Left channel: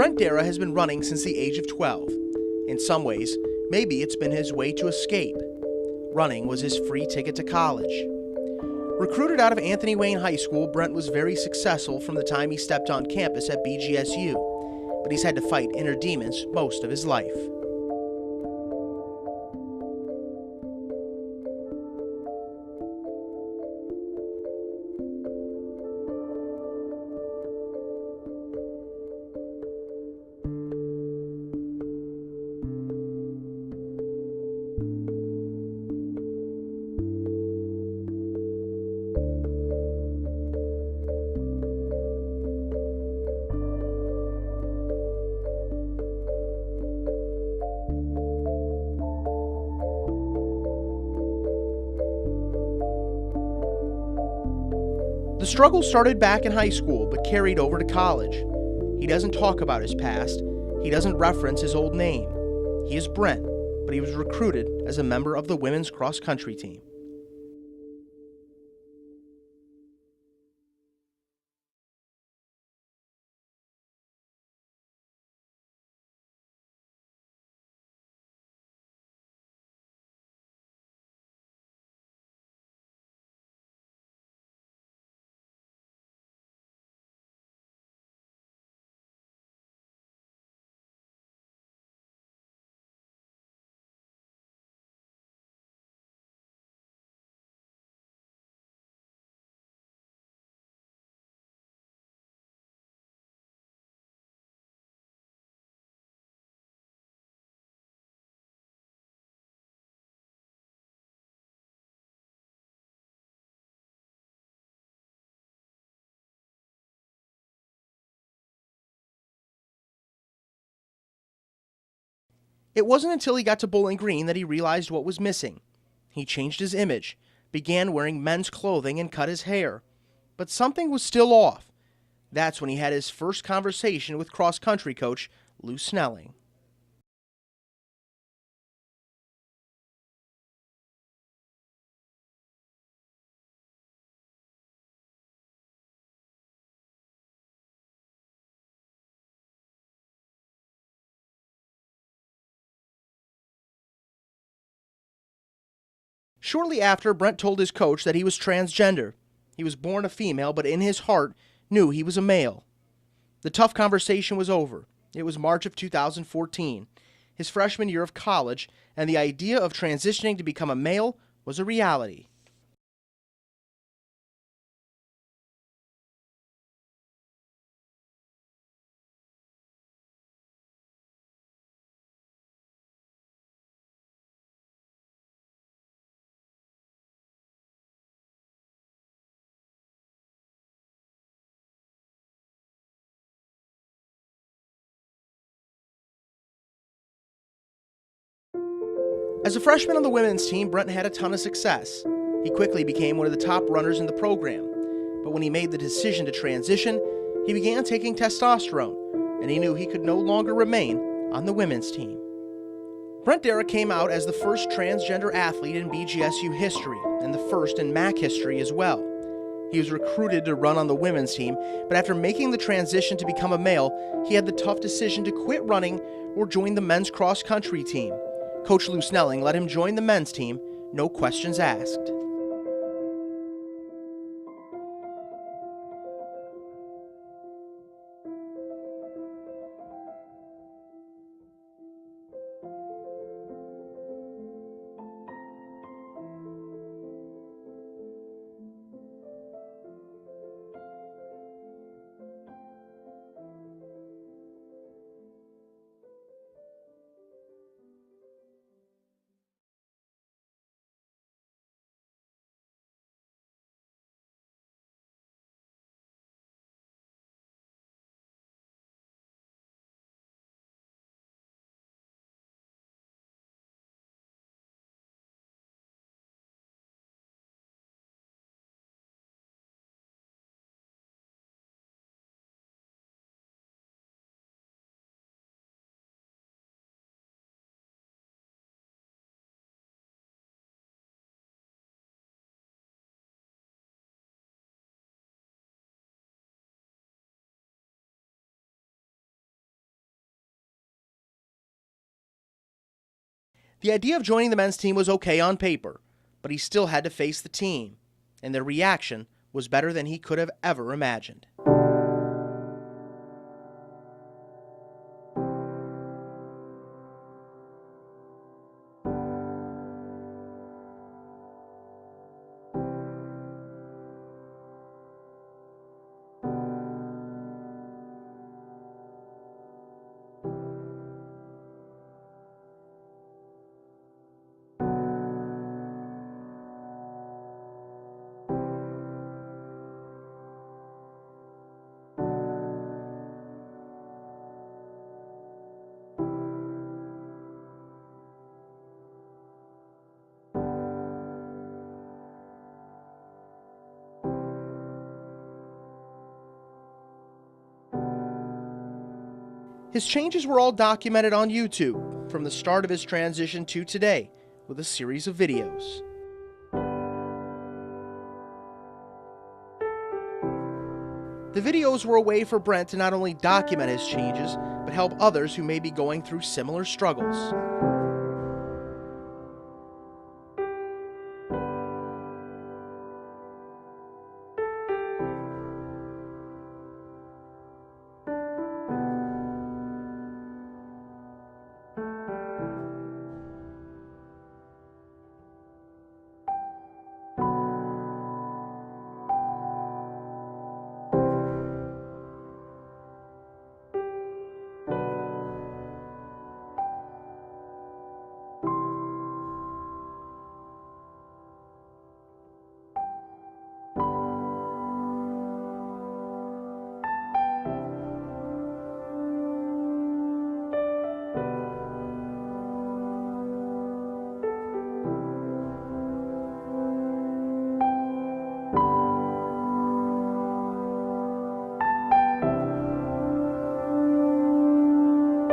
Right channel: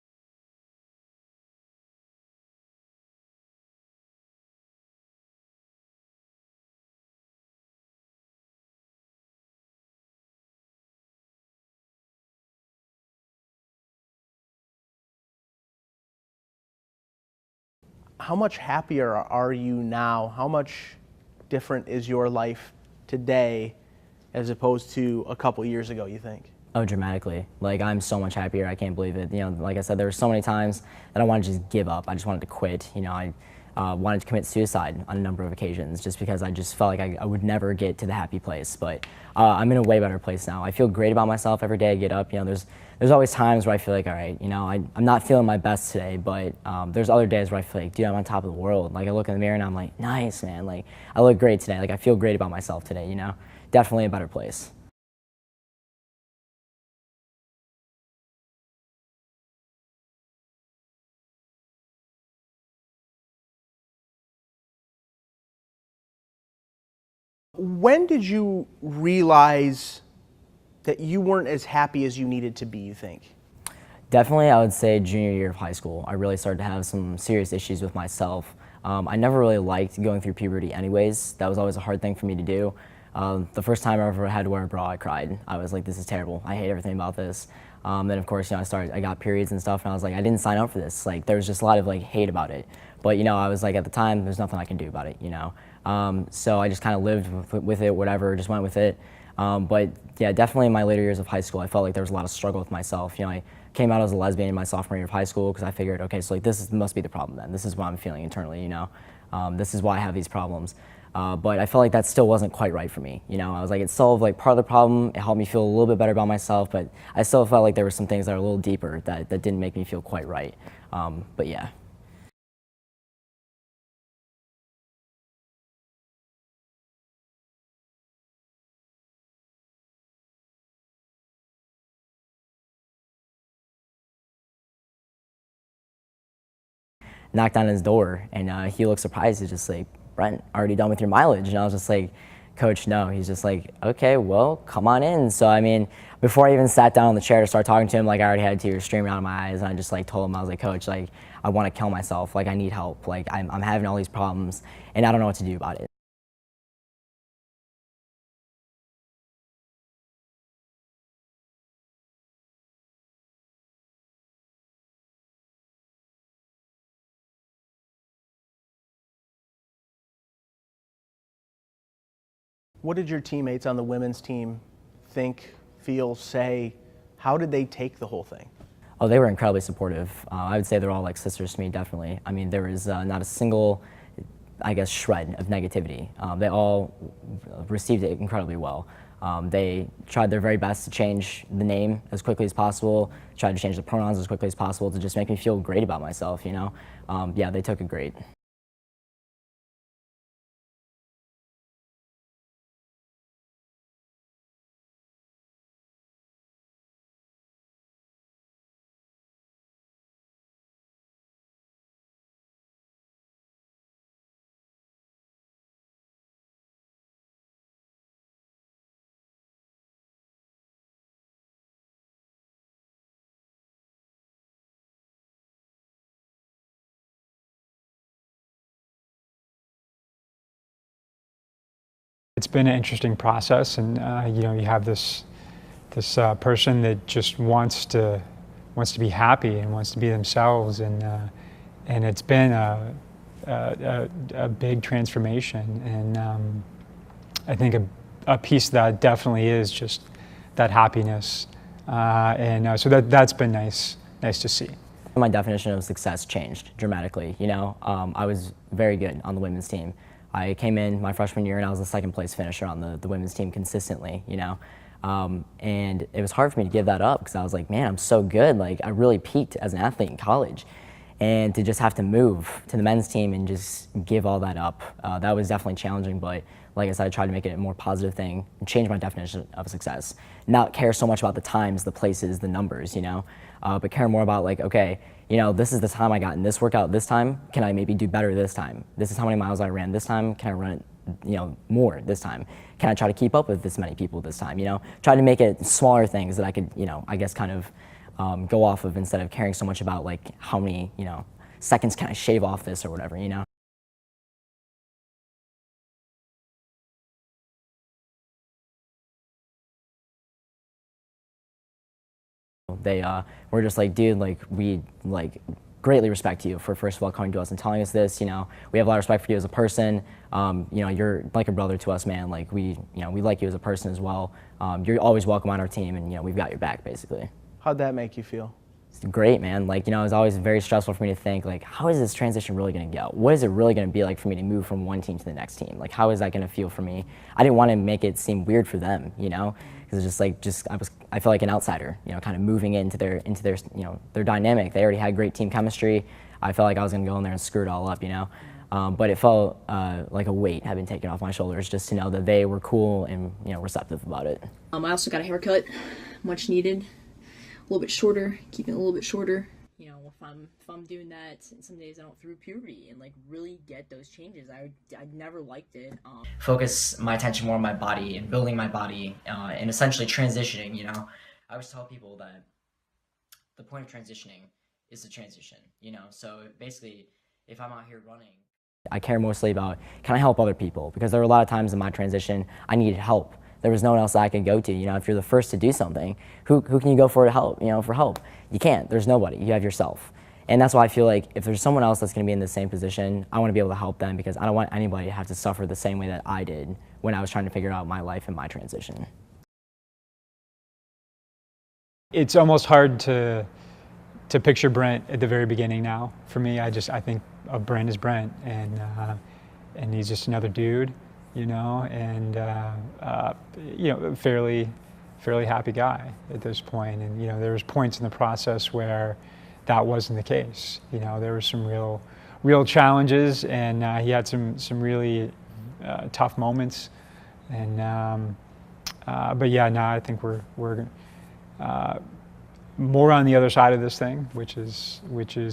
Brent Dara has been running since the age of 12. In some ways, maybe it's been his way to escape. Running was his free ticket to college. Recruited out of Anthony Wayne High School, Brent was very successful from the time he stepped on campus at BGSU, but he's had to fight inner demons most of his life. How much happier are you now? How much different is your life today as opposed to a couple years ago, you think? Oh, dramatically. Like, I'm so much happier, I can't believe it. You know, like I said, there were so many times that I wanted to just give up. I just wanted to quit. You know, I wanted to commit suicide on a number of occasions just because I just felt like I would never get to the happy place. But I'm in a way better place now. I feel great about myself every day I get up. You know, there's always times where I feel like, all right, you know, I'm not feeling my best today, but there's other days where I feel like, dude, I'm on top of the world. Like, I look in the mirror and I'm like, nice, man. Like, I look great today. Like, I feel great about myself today, you know? Definitely a better place. The struggle started back in high school, but carried over to college. He doesn't talk about his past. He doesn't reference his old name. He is Brent, but he was recruited as a member of the women's cross-country team. When did you realize that you weren't as happy as you needed to be, you think? Definitely, I would say junior year of high school. I really started to have some serious issues with myself. I never really liked going through puberty anyways. That was always a hard thing for me to do. The first time I ever had to wear a bra, I cried. I was like, this is terrible. I hate everything about this. Then of course, you know, I got periods and stuff, and I was like, I didn't sign up for this. Like, there was just a lot of like hate about it. But you know, I was like, at the time, there's nothing I can do about it, you know. So I just kind of lived with it, whatever, just went with it. But yeah, definitely in my later years of high school, I felt like there was a lot of struggle with myself. You know, I came out as a lesbian in my sophomore year of high school because I figured, okay, so like must be the problem then. This is what I'm feeling internally, you know. This is why I have these problems. But I felt like that still wasn't quite right for me. You know, I was like, it solved like part of the problem. It helped me feel a little bit better about myself, but I still felt like there were some things that are a little deeper that didn't make me feel quite right. But yeah. It wasn't until he got to Bowling Green that he realized what was missing. He changed his image, began wearing men's clothing, and cut his hair. But something was still off. That's when he had his first conversation with cross-country coach Lou Snelling. Knocked on his door, and he looked surprised. He's just like, Brent, already done with your mileage? And I was just like, Coach, no. He's just like, okay, well, come on in. So I mean, before I even sat down on the chair to start talking to him, like I already had tears streaming out of my eyes, and I just like told him, I was like, Coach, like I want to kill myself. Like I need help. Like I'm having all these problems, and I don't know what to do about it. Shortly after, Brent told his coach that he was transgender. He was born a female, but in his heart knew he was a male. The tough conversation was over. It was March of 2014, his freshman year of college, and the idea of transitioning to become a male was a reality. What did your teammates on the women's team think, feel, say? How did they take the whole thing? Oh, they were incredibly supportive. I would say they're all like sisters to me, definitely. I mean, there was not a single, I guess, shred of negativity. They all received it incredibly well. They tried their very best to change the name as quickly as possible, tried to change the pronouns as quickly as possible to just make me feel great about myself, you know? Yeah, they took it great. As a freshman on the women's team, Brent had a ton of success. He quickly became one of the top runners in the program. But when he made the decision to transition, he began taking testosterone, and he knew he could no longer remain on the women's team. Brent Dara came out as the first transgender athlete in BGSU history, and the first in MAC history as well. He was recruited to run on the women's team, but after making the transition to become a male, he had the tough decision to quit running or join the men's cross-country team. Coach Lou Snelling let him join the men's team, no questions asked. It's been an interesting process, and you know, you have this person that just wants to be happy and wants to be themselves, and it's been a big transformation, and I think a piece of that definitely is just that happiness, so that's been nice to see. My definition of success changed dramatically. You know, I was very good on the women's team. I came in my freshman year and I was the second place finisher on the women's team consistently, you know. And it was hard for me to give that up because I was like, man, I'm so good. Like, I really peaked as an athlete in college. And to just have to move to the men's team and just give all that up, that was definitely challenging. But like I said, I tried to make it a more positive thing and change my definition of success. Not care so much about the times, the places, the numbers, you know, but care more about like, okay, you know, this is the time I got in this workout this time. Can I maybe do better this time? This is how many miles I ran this time. Can I run it, you know, more this time? Can I try to keep up with this many people this time? You know, try to make it smaller things that I could, you know, I guess kind of go off of instead of caring so much about like how many, seconds can I shave off this or whatever, The idea of joining the men's team was okay on paper, but he still had to face the team, and their reaction was better than he could have ever imagined. They were just like, dude, like we like greatly respect you for first of all coming to us and telling us this. We have a lot of respect for you as a person. You're like a brother to us, man. Like we like you as a person as well. You're always welcome on our team, and we've got your back, basically. How'd that make you feel? It's great, man. Like, it was always very stressful for me to think, like, how is this transition really going to go? What is it really going to be like for me to move from one team to the next team? Like, how is that going to feel for me? I didn't want to make it seem weird for them, because it's just like, I felt like an outsider, kind of moving into their their dynamic. They already had great team chemistry. I felt like I was going to go in there and screw it all up, But it felt like a weight had been taken off my shoulders just to know that they were cool and, receptive about it. I also got a haircut, much needed. A little bit shorter, keeping it a little bit shorter. His changes were all documented on YouTube from the start of his transition to today with a series of videos. Focus my attention more on my body and building my body and essentially transitioning, The videos were a way for Brent to not only document his changes, but help others who may be going through similar struggles. I care mostly about, can I help other people? Because there were a lot of times in my transition, I needed help. There was no one else that I could go to. If you're the first to do something, who can you go for to help? For help, you can't. There's nobody. You have yourself, and that's why I feel like if there's someone else that's going to be in the same position, I want to be able to help them because I don't want anybody to have to suffer the same way that I did when I was trying to figure out my life and my transition. It's almost hard to picture Brent at the very beginning now. For me, I think of Brent as Brent, and he's just another dude. And fairly happy guy at this point. And there was points in the process where that wasn't the case. There were some real challenges, and he had some really tough moments. And but yeah, now I think we're more on the other side of this thing, which is